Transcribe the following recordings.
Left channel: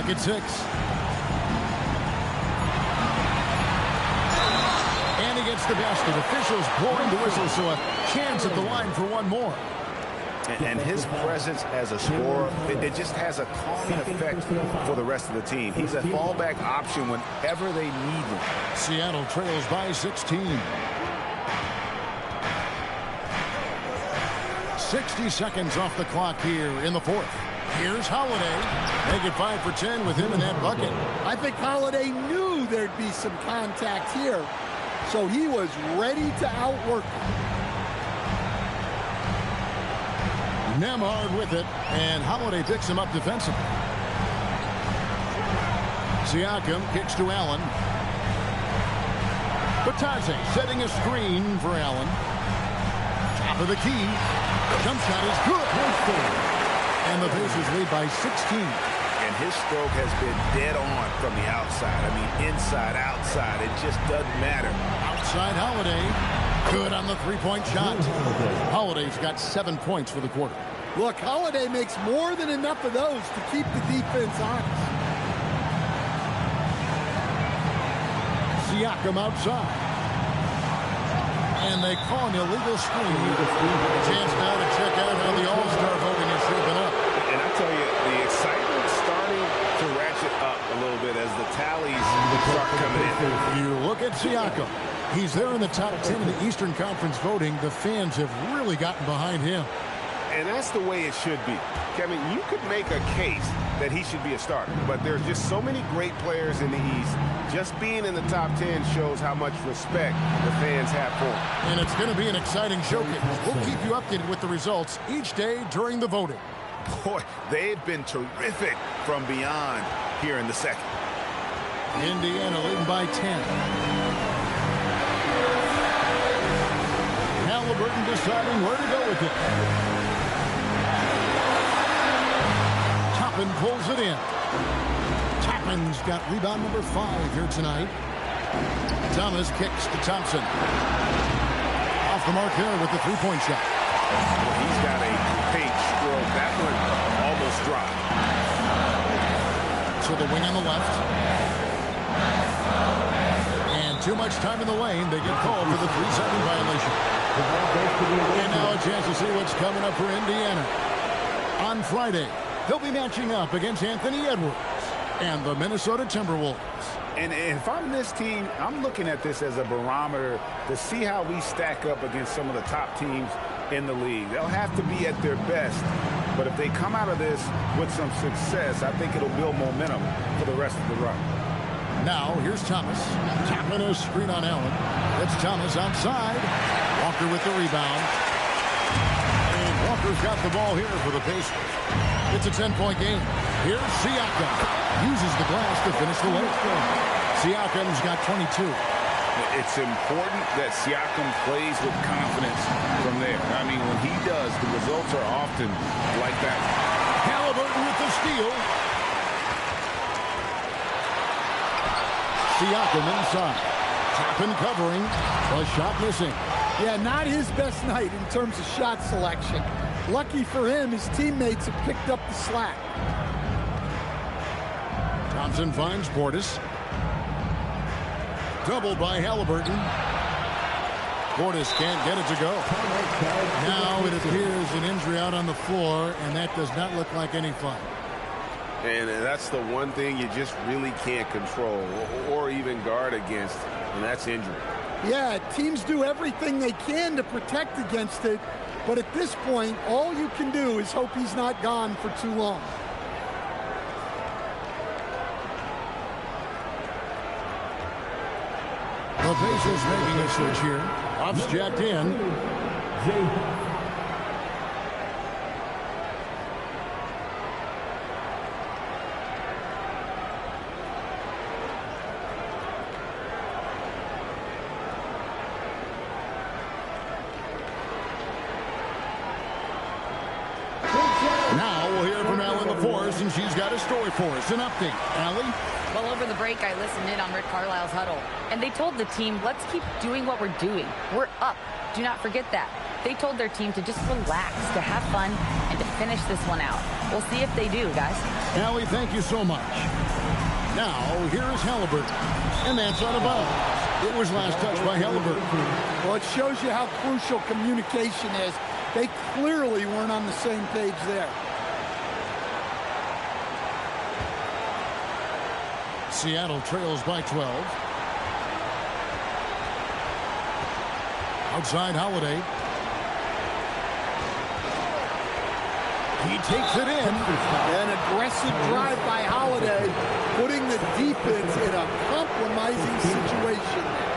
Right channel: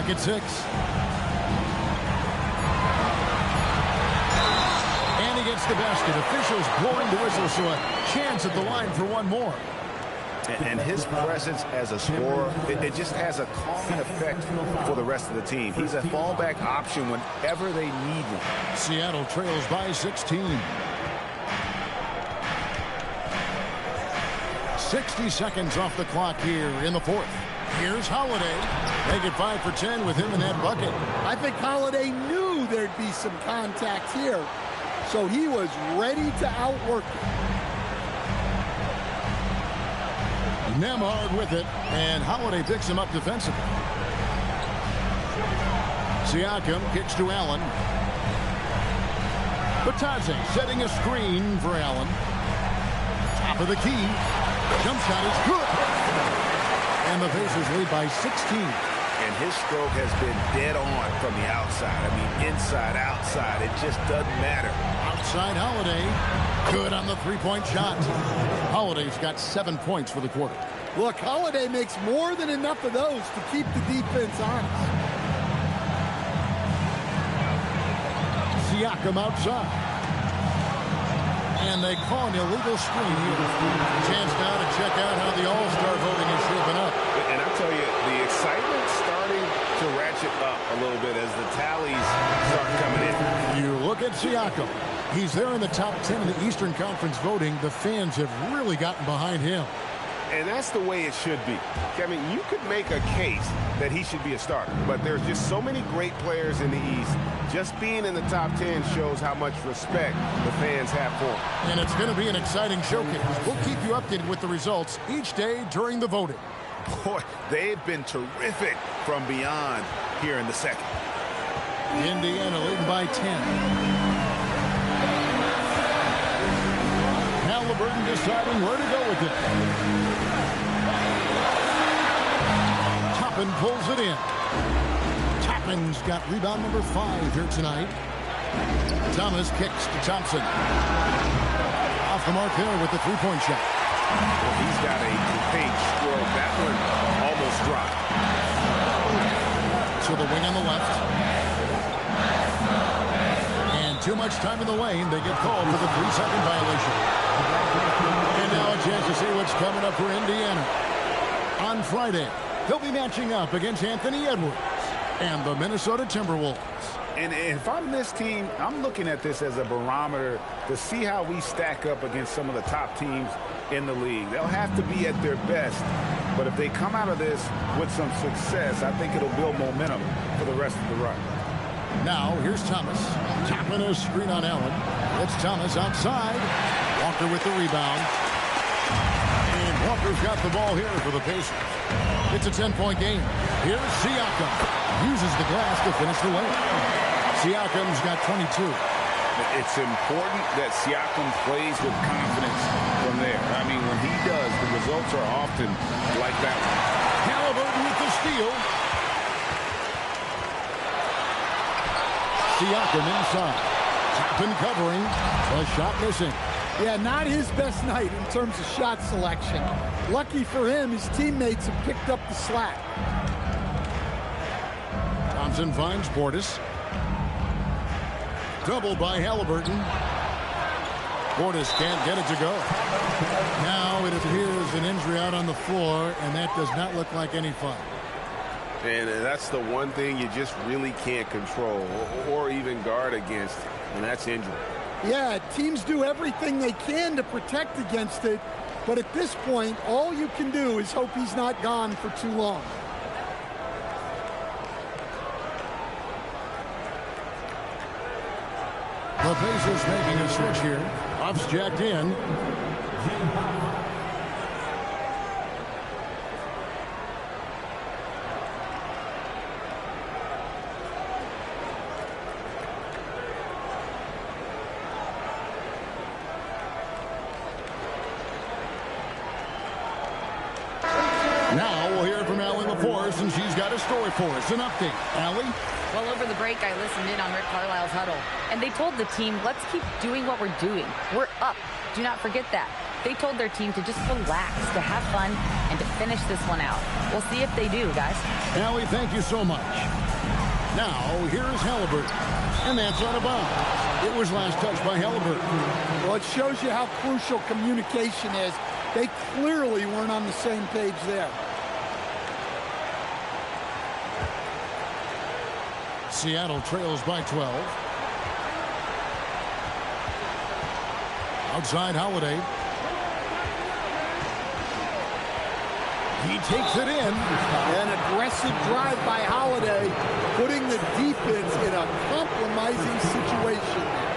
Clock at 6. And he gets the basket. Officials blowing the whistle, so a chance at the line for one more. And his presence as a scorer, it just has a calming effect for the rest of the team. He's a fallback option whenever they need one. Seattle trails by 16. 60 seconds off the clock here in the fourth. Here's Holiday. Make it 5 for 10 with him in that bucket. I think Holiday knew there'd be some contact here, so he was ready to outwork it. Nemhard with it, and Holiday picks him up defensively. Siakam kicks to Allen. Batadze setting a screen for Allen. Top of the key. Jump shot is good. And the Pacers lead by 16. And his stroke has been dead on from the outside. I mean, inside, outside, it just doesn't matter. Outside Holiday. Good on the three-point shot. Holiday's got 7 points for the quarter. Look, Holiday makes more than enough of those to keep the defense honest. Siakam outside. And they call an illegal screen here. A chance now to check out how the All-Star voting is shaping up. And I tell you, the excitement's starting to ratchet up a little bit as the tallies start coming in. You look at Siakam. He's there in the top 10 in the Eastern Conference voting. The fans have really gotten behind him. And that's the way it should be. Kevin, you could make a case that he should be a starter, but there's just so many great players in the East. Just being in the top 10 shows how much respect the fans have for him. And it's going to be an exciting showcase. We'll keep you updated with the results each day during the voting. Boy, they've been terrific from beyond here in the second. Indiana leading by 10. Halliburton deciding where to go with it. Toppin pulls it in. Toppin's got rebound number 5 here tonight. Thomas kicks to Thompson. Off the mark there with the three-point shot. Well, he's got a great stroke. That one almost dropped. To the wing on the left. And too much time in the lane. They get called for the 3-second violation. And now a chance to see what's coming up for Indiana. On Friday, they'll be matching up against Anthony Edwards and the Minnesota Timberwolves. And if I'm this team, I'm looking at this as a barometer to see how we stack up against some of the top teams in the league. They'll have to be at their best, but if they come out of this with some success, I think it'll build momentum for the rest of the run. Now, here's Thomas. Tapping a screen on Allen. It's Thomas outside. Walker with the rebound. And Walker's got the ball here for the Pacers. It's a 10-point game. Here's Siakam. Uses the glass to finish the layup. Siakam's got 22. It's important that Siakam plays with confidence from there. I mean, when he does, the results are often like that one. Halliburton with the steal. Siakam inside. Toppin covering. The shot missing. Yeah, not his best night in terms of shot selection. Lucky for him, his teammates have picked up the slack. Thompson finds Portis. Doubled by Halliburton. Portis can't get it to go. Now it appears an injury out on the floor, and that does not look like any fun. And that's the one thing you just really can't control or even guard against, and that's injury. Yeah, teams do everything they can to protect against it, but at this point, all you can do is hope he's not gone for too long. The Pacers making a switch here. Off's jacked in. Now we'll hear from Allie LaForce, and she's got a story for us. An update. Allie? Well, over the break, I listened in on Rick Carlisle's huddle, and they told the team, let's keep doing what we're doing. We're up. Do not forget that. They told their team to just relax, to have fun, and to finish this one out. We'll see if they do, guys. Allie, thank you so much. Now, here is Halliburton, and that's out of bounds. It was last touched by Halliburton. Well, it shows you how crucial communication is. They clearly weren't on the same page there. Seattle trails by 12. Outside Holiday. He takes it in. An aggressive drive by Holiday, putting the defense in a compromising situation there.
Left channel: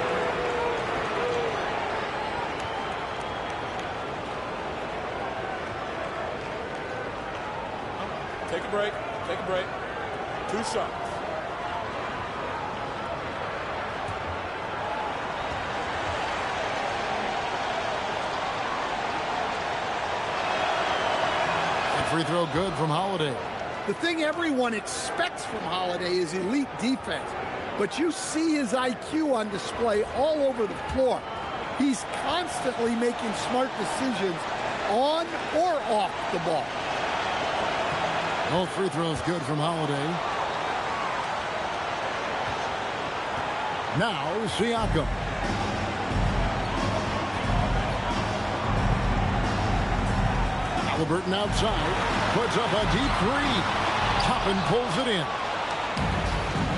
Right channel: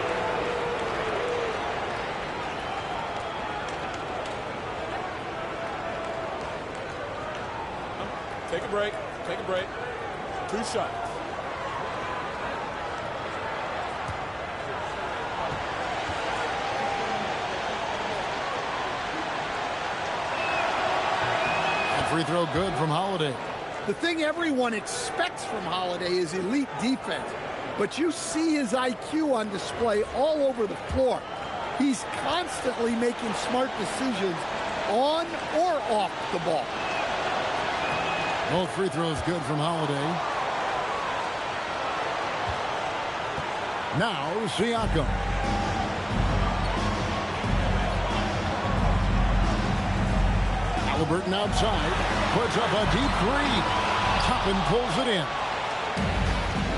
Take a break. Take a break. 2 shots. Free throw good from Holiday. The thing everyone expects from Holiday is elite defense, but you see his IQ on display all over the floor. He's constantly making smart decisions on or off the ball. Both free throws good from Holiday. Now Siakam. Halliburton outside, puts up a deep 3. Toppin pulls it in.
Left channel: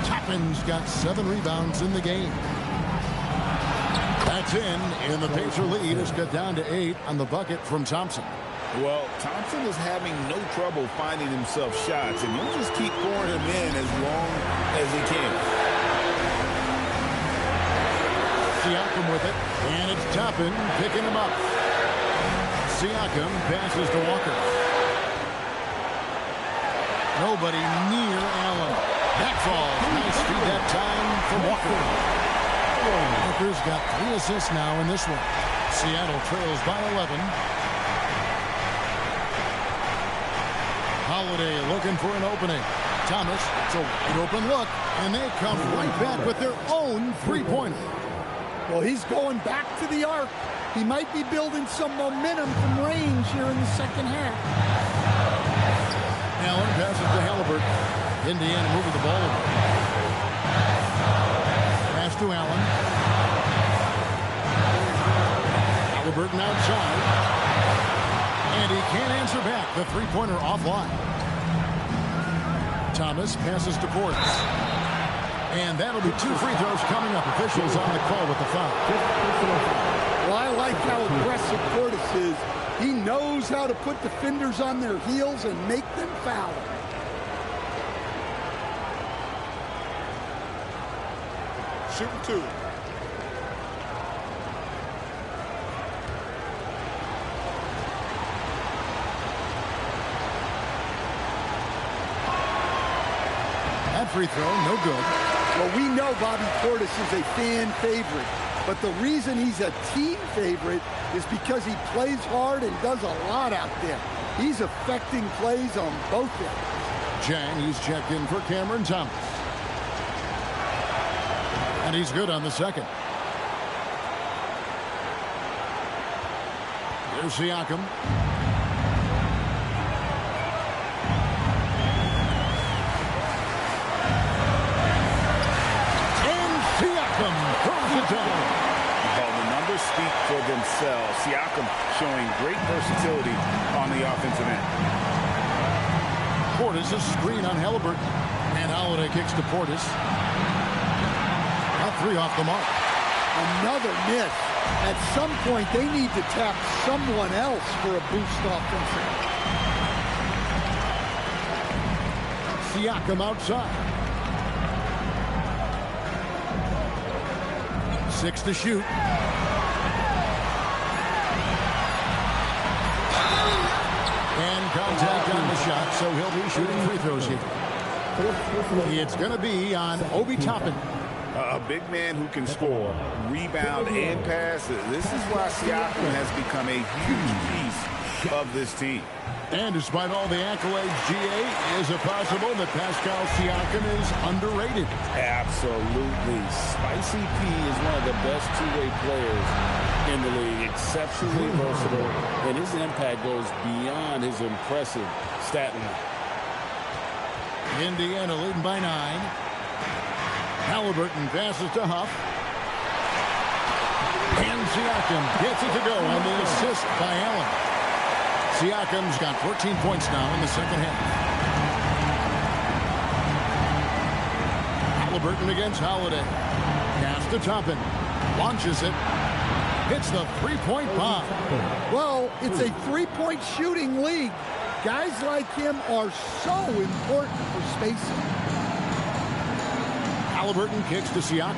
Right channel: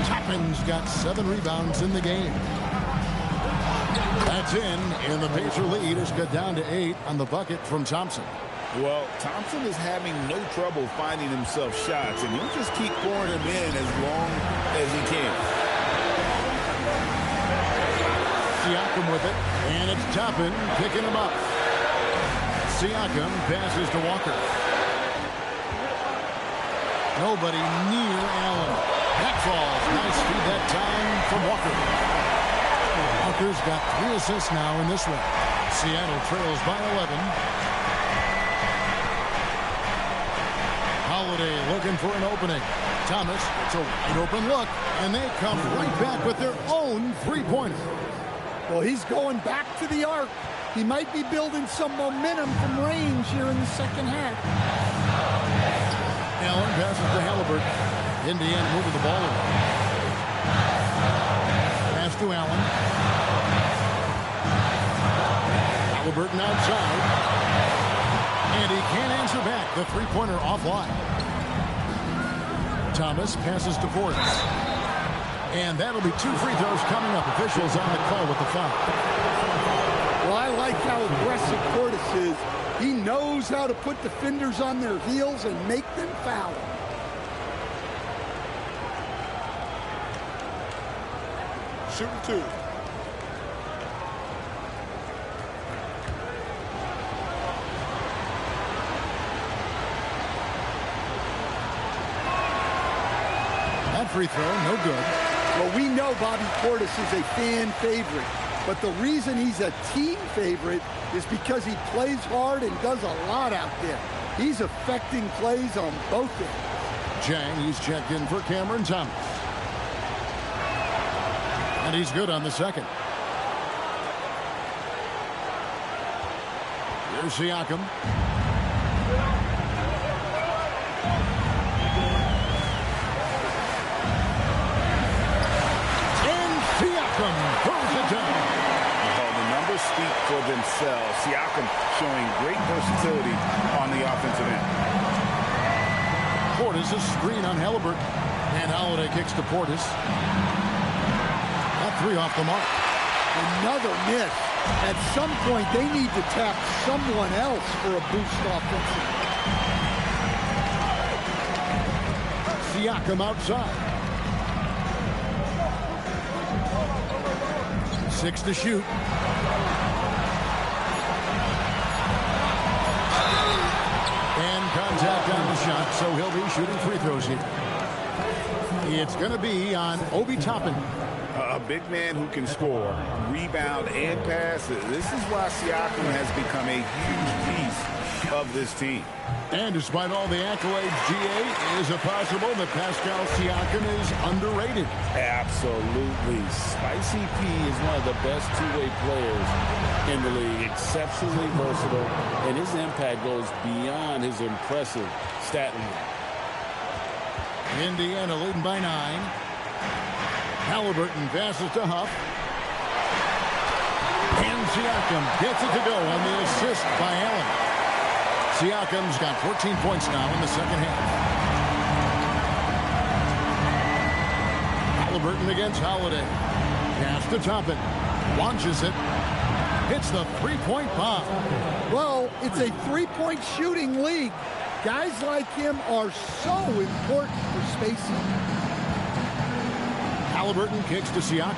Toppin's got 7 rebounds in the game. That's in, and the Pacer lead has got down to 8 on the bucket from Thompson. Well, Thompson is having no trouble finding himself shots, and he'll just keep pouring them in as long as he can. Siakam with it, and it's Toppin picking him up. Siakam passes to Walker. Nobody near Allen. That falls. Nice feed that time from Walker. Walker's got 3 assists now in this one. Seattle trails by 11. Holiday looking for an opening. Thomas, it's a wide open look, and they come right back with their own 3-pointer. Well, he's going back to the arc. He might be building some momentum from range here in the second half. Allen passes to Halliburton. Indiana moving the ball away. Pass to Allen. Halliburton outside. And he can't answer back. The 3-pointer offline. Thomas passes to Portis. And that'll be 2 free throws coming up. Officials on the call with the foul. Well, I like how aggressive Portis is. He knows how to put defenders on their heels and make them foul him. Shooting 2. That free throw, no good. Well, we know Bobby Portis is a fan favorite, but the reason he's a team favorite is because he plays hard and does a lot out there. He's affecting plays on both ends. Jang, he's checked in for Cameron Thomas. And he's good on the second. Here's Siakam. And Siakam throws it down. Well, the numbers speak for themselves. Siakam showing great versatility on the offensive end. Portis a screen on Halliburton. And Holiday kicks to Portis. A 3 off the mark. Another miss. At some point, they need to tap someone else for a boost offensively. Siakam outside. 6 to shoot. And contact on the shot, so he'll be shooting free throws here. It's going to be on Obi Toppin. A big man who can score, rebound, and pass. This is why Siakam has become a huge piece of this team. And despite all the accolades, GA, is it possible that Pascal Siakam is underrated? Absolutely. Spicy P is one of the best two-way players in the league. Exceptionally versatile, and his impact goes beyond his impressive stat line. Indiana leading by 9. Halliburton passes to Huff. And Siakam gets it to go on the assist by Allen. Siakam's got 14 points now in the second half. Halliburton against Holiday. Pass to Toppin. Launches it. Hits the three-point bomb. Well, it's a three-point shooting league. Guys like him are so important for spacing. Halliburton kicks to Siakam.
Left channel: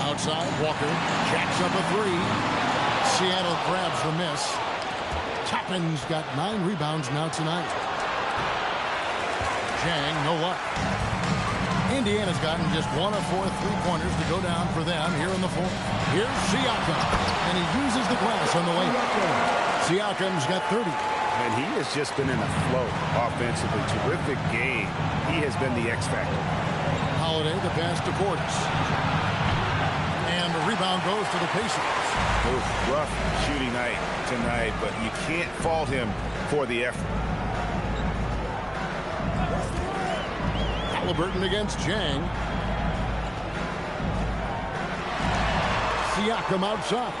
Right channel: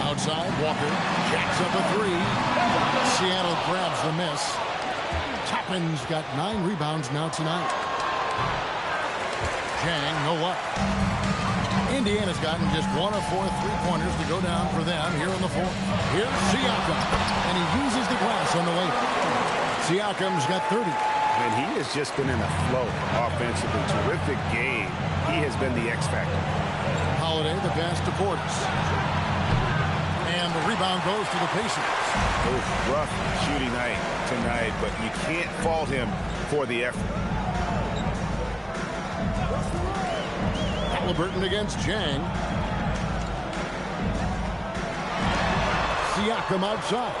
Outside, Walker jacks up a three. Seattle grabs the miss. Toppin's got 9 rebounds now tonight. Jang, no luck. Indiana's gotten just 1 of 4 three-pointers to go down for them here in the fourth. Here's Siakam, and he uses the glass on the way. Siakam's got 30. And he has just been in a flow offensively. Terrific game. He has been the X factor. Holiday, the pass to Portis. And the rebound goes to the Pacers. It was rough shooting night tonight, but you can't fault him for the effort. Halliburton against Jang. Siakam outside.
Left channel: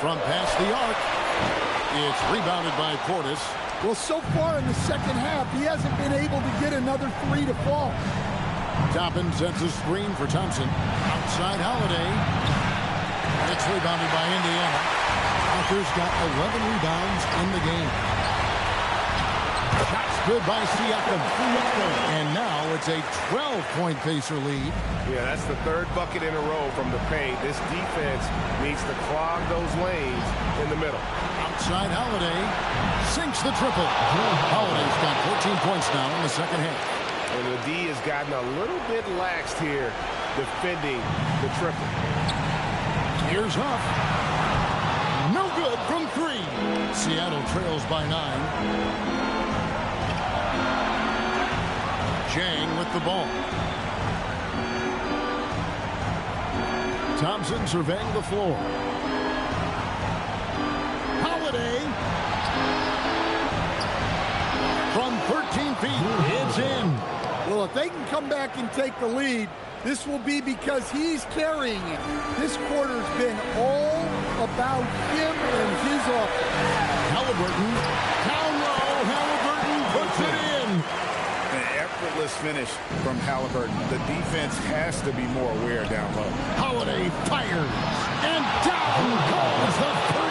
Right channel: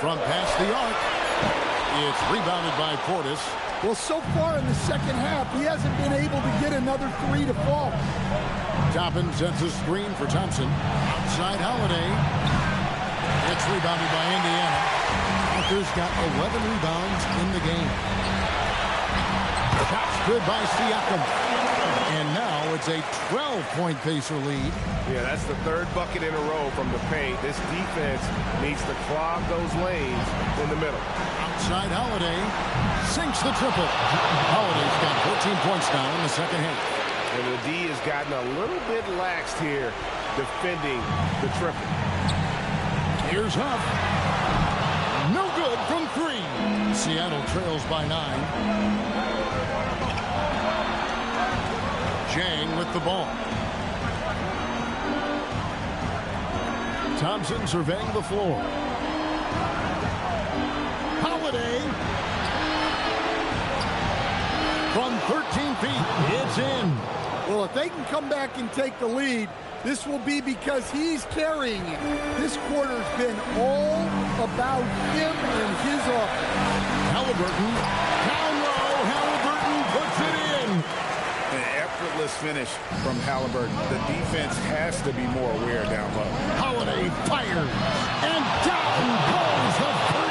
From past the arc. It's rebounded by Portis. Well, so far in the second half, he hasn't been able to get another three to fall. Toppin sets a screen for Thompson. Outside Holiday. It's rebounded by Indiana. Walker's got 11 rebounds in the game. Shots good by Siakam. And now it's a 12-point Pacer lead. Yeah, that's the third bucket in a row from the paint. This defense needs to clog those lanes in the middle. Outside Holiday. Sinks the triple. Holiday's got 14 points now in the second half. And the D has gotten a little bit laxed here defending the triple. Here's Huff. No good from 3. Seattle trails by 9. Jang with the ball. Thompson surveying the floor. Holiday. From 13 feet, it's in. Well, if they can come back and take the lead, this will be because he's carrying it. This quarter's been all about him and his offense. Halliburton, down low. Halliburton puts it in. An effortless finish from Halliburton. The defense has to be more aware down low. Holiday fires, and down goes the 3.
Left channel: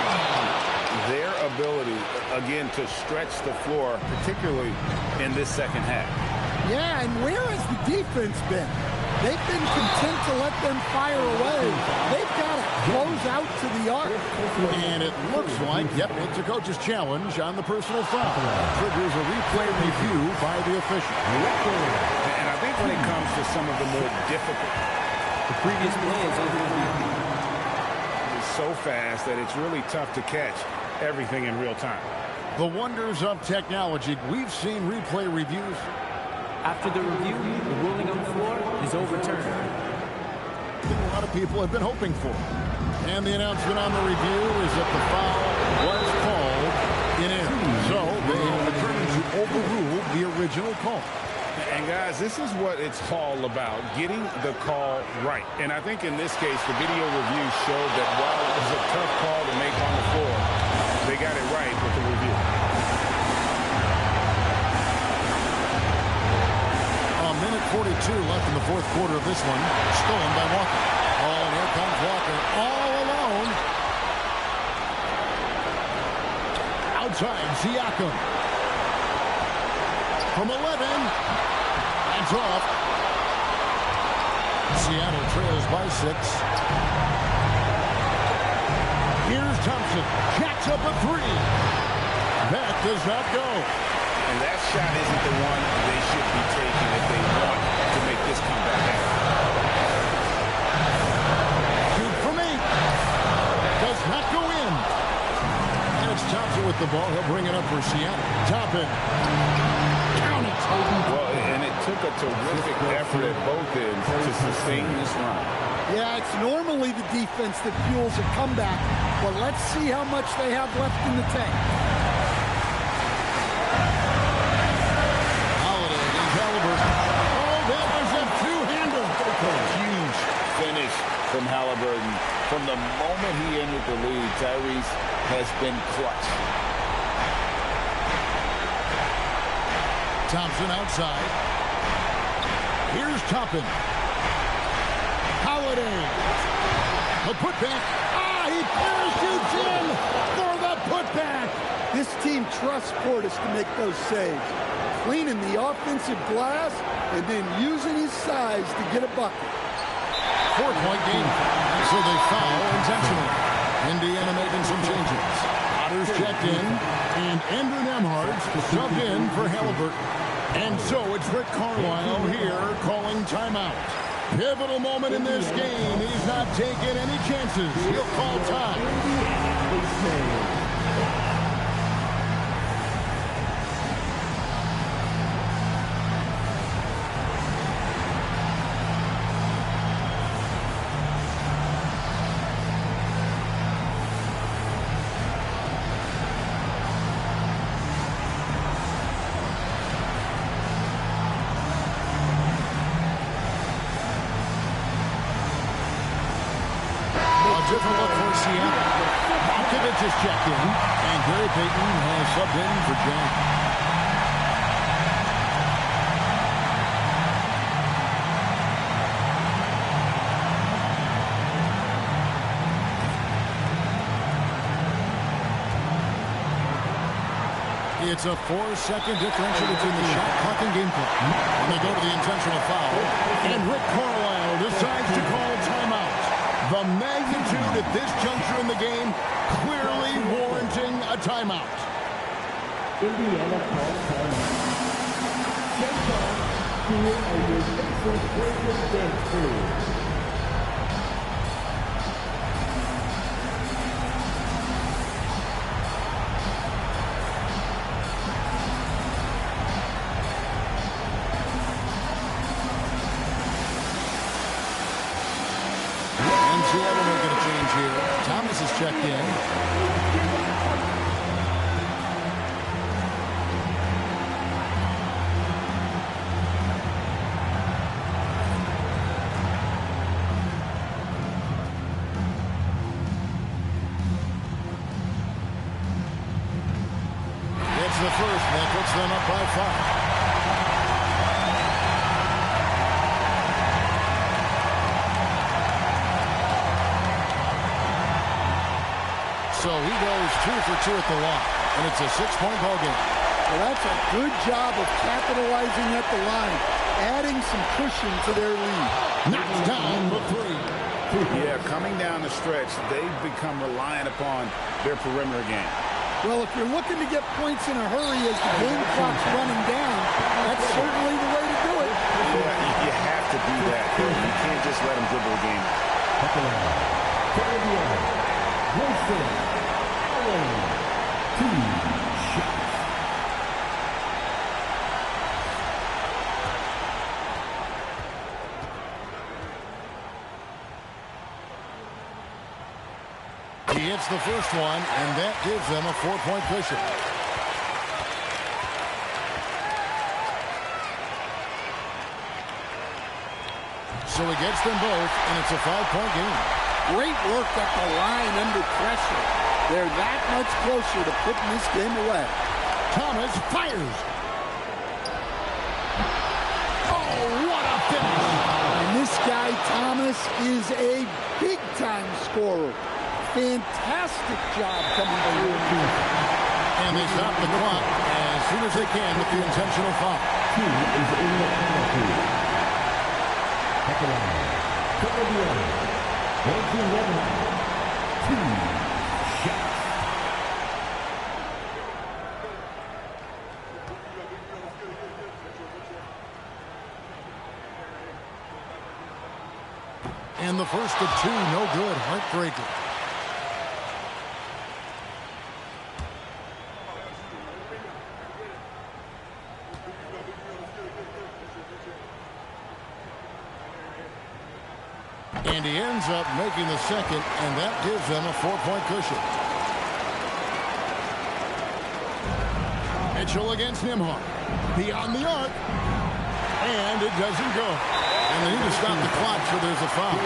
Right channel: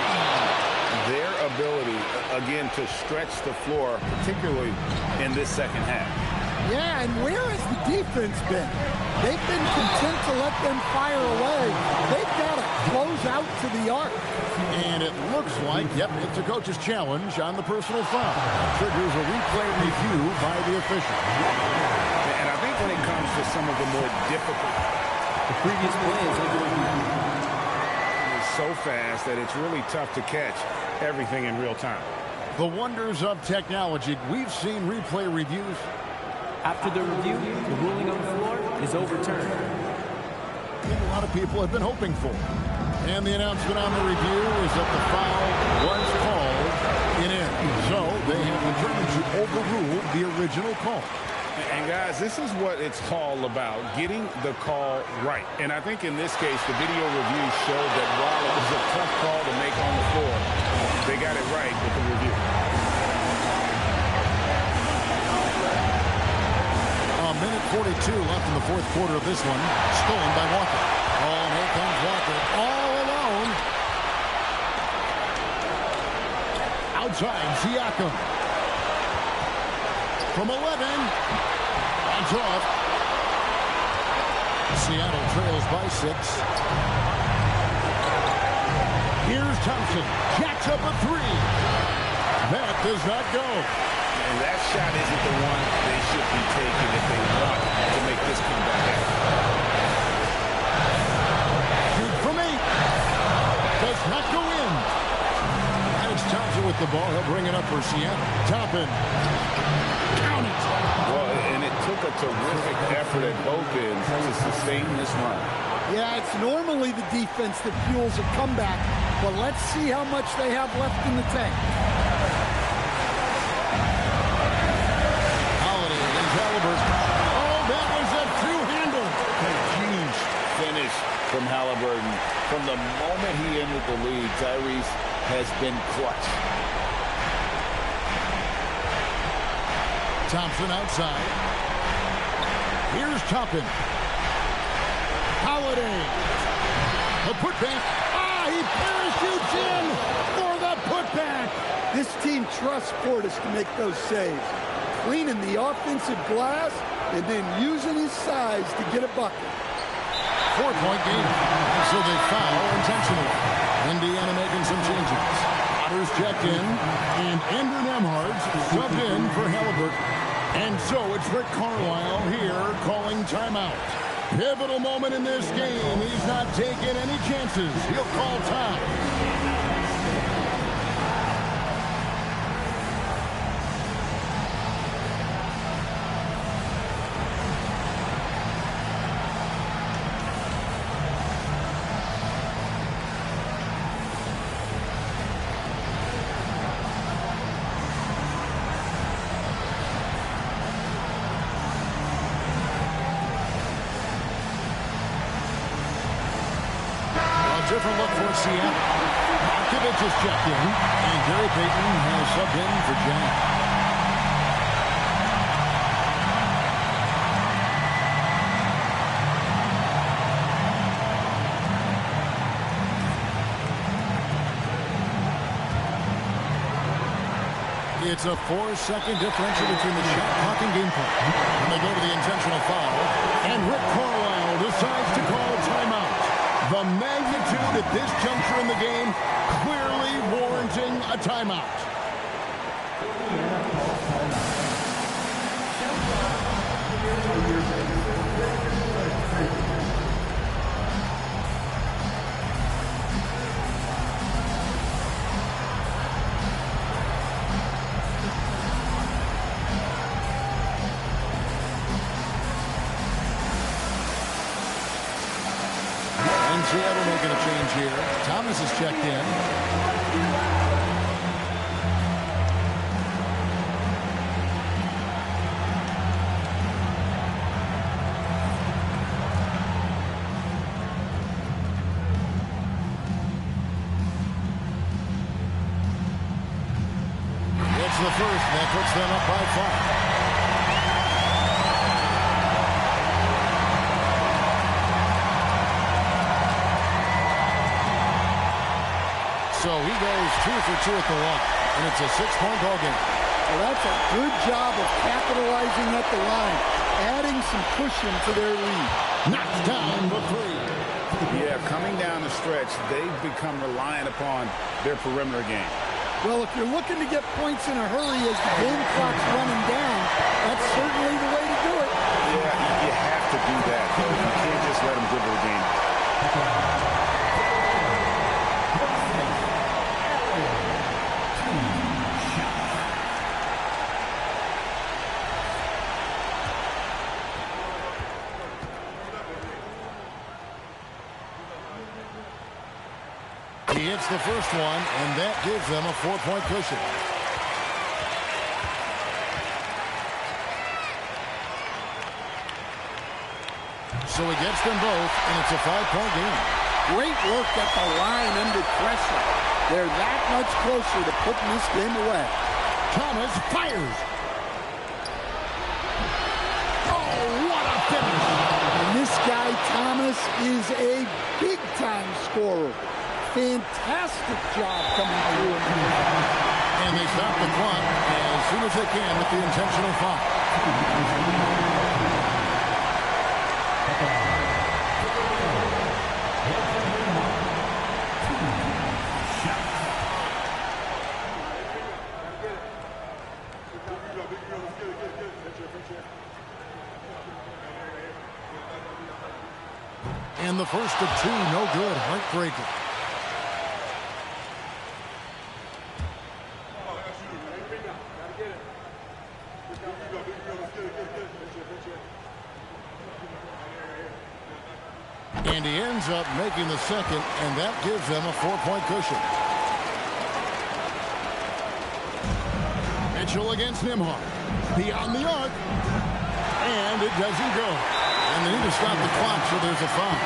Their ability, again, to stretch the floor, particularly in this second half. Yeah, and where has the defense been? They've been content to let them fire away. They've got to close out to the arc. And it looks like, yep, it's a coach's challenge on the personal foul. That triggers a replay review by the official. And I think when it comes to some of the more difficult, the previous play is under review. It's so fast that it's really tough to catch everything in real time. The wonders of technology. We've seen replay reviews. After the review, the ruling on the floor is overturned. A lot of people have been hoping for. And the announcement on the review is that the foul was called in error. So they have determined to overrule the original call. And guys, this is what it's all about, getting the call right. And I think in this case, the video review showed that while it was a tough call to make on the floor, they got it right with the review. A minute 42 left in the fourth quarter of this one. Stolen by Walker. Oh, and here comes Walker all alone. Outside, Siakam. From 11. That's off. Seattle trails by 6. Here's Thompson. Jacks up a 3. That does not go. And that shot isn't the one they should be taking if they want to make this comeback happen. Shoot from 8. Does not go in. And it's Thompson with the ball. He'll bring it up for Seattle. Toppin. Count it. Well, and it took a terrific effort at both ends to sustain this run. Yeah, it's normally the defense that fuels a comeback, but let's see how much they have left in the tank. Holiday against Halliburton. Oh, that was a two-hander. Huge finish from Halliburton. From the moment he entered the league, Tyrese has been clutch. Thompson outside. Here's Toppin. Holiday. The putback. He parachutes in for the putback. This team trusts Portis to make those saves, cleaning the offensive glass and then using his size to get a bucket. 4-point game. And so they foul intentionally. Indiana making some changes. Potter's checked in, and Andrew Nembhard's subbed in for Halliburton. And so it's Rick Carlisle here calling timeout. Pivotal moment in this game. He's not taking any chances. He'll call time. Different look for Seattle. Markovich is checked in, and Gary Payton has subbed in for Jang. It's a 4-second differential between the shot clock and game clock. And they go to the intentional foul, and Rick Carlisle decides to call timeout. The magnitude at this juncture in the game clearly warranting a timeout. Indiana calls timeout. Here are your Seattle making a change here. Thomas is checked in. It's the first, and that puts them up by 5. So he goes 2 for 2 at the line, and it's a 6-point ball game. Well, that's a good job of capitalizing at the line, adding some cushion to their lead. Knocks down the 3. Yeah, coming down the stretch, they've become reliant upon their perimeter game. Well, if you're looking to get points in a hurry as the game clock's running down, that's certainly the way to do it. Yeah, you have to do that, though. You can't just let them dribble the game. He hits the first one, and that gives them a 4-point cushion. So he gets them both, and it's a 5-point game. Great work at the line under pressure. They're that much closer to putting this game away. Thomas fires. Oh, what a finish. And this guy, Thomas, is a big-time scorer. Fantastic job coming through. And they stop the clock as soon as they can with the intentional foul. And the first of 2, no good. Heartbreaker. And he ends up making the second, and that gives them a 4-point cushion. Mitchell against Nimhart. Beyond the arc. And it doesn't go. And they need to stop the clock, so there's a foul.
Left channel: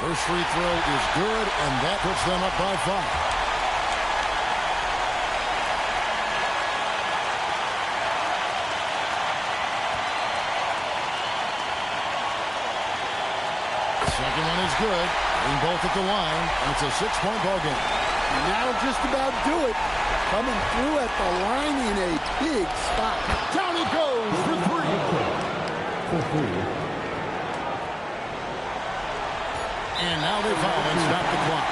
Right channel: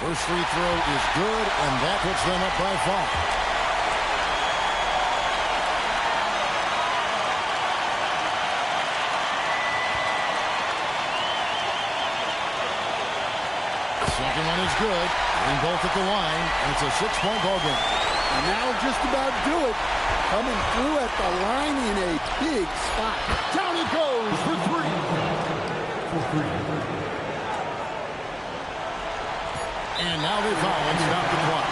First free throw is good, and that puts them up by 5. Second one is good. Getting both at the line, and it's a 6-point ball game. And that'll just about do it. Coming through at the line in a big spot. Down it goes for 3. And now they foul and stop the clock.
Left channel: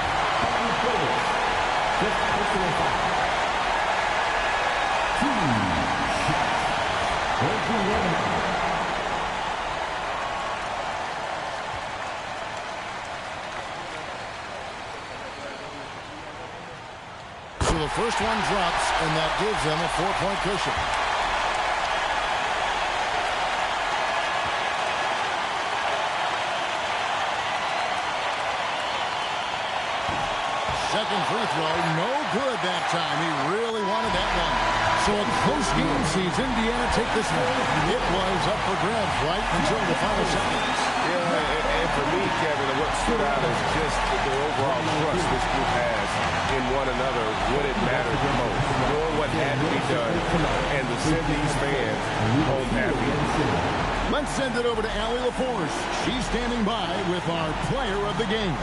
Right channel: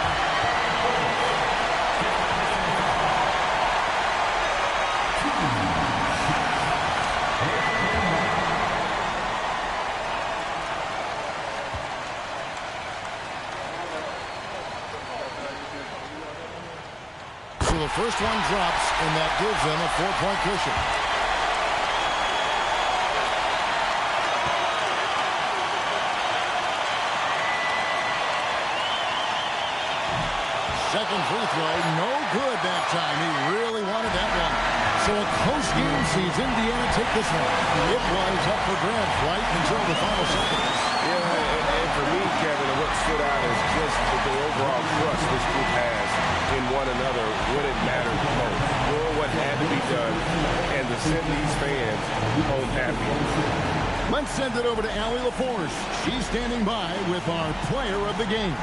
So the first one drops, and that gives them a 4-point cushion. Second free throw, no good that time. He really wanted that one. So a close game sees Indiana take this one. It was up for grabs right until the final seconds. Yeah, and for me, Kevin, what stood out is just the overall trust this group has in one another when it matters the most. Doing what had to be done and to send these fans home happy. Let's send it over to Allie LaForce. She's standing by with our player of the game.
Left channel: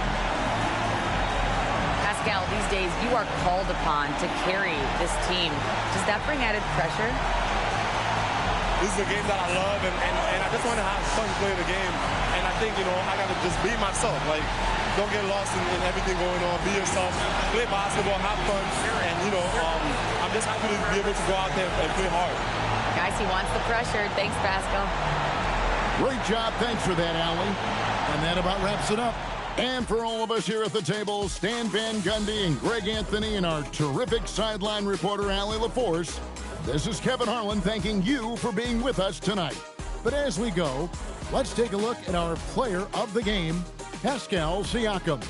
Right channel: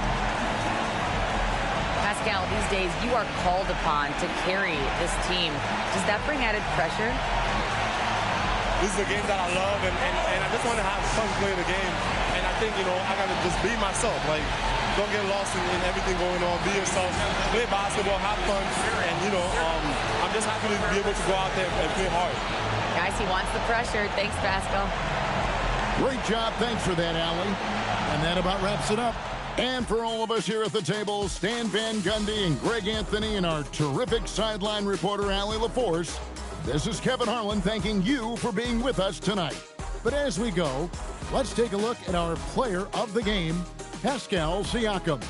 Pascal, these days you are called upon to carry this team. Does that bring added pressure? This is a game that I love, and I just want to have fun playing the game. And I think, I got to just be myself. Like, don't get lost in everything going on. Be yourself. Play basketball, have fun. And, I'm just happy to be able to go out there and play hard. Guys, he wants the pressure. Thanks, Pascal. Great job. Thanks for that, Allie. And that about wraps it up. And for all of us here at the table, Stan Van Gundy and Greg Anthony and our terrific sideline reporter, Allie LaForce, this is Kevin Harlan thanking you for being with us tonight. But as we go, let's take a look at our player of the game, Pascal Siakam.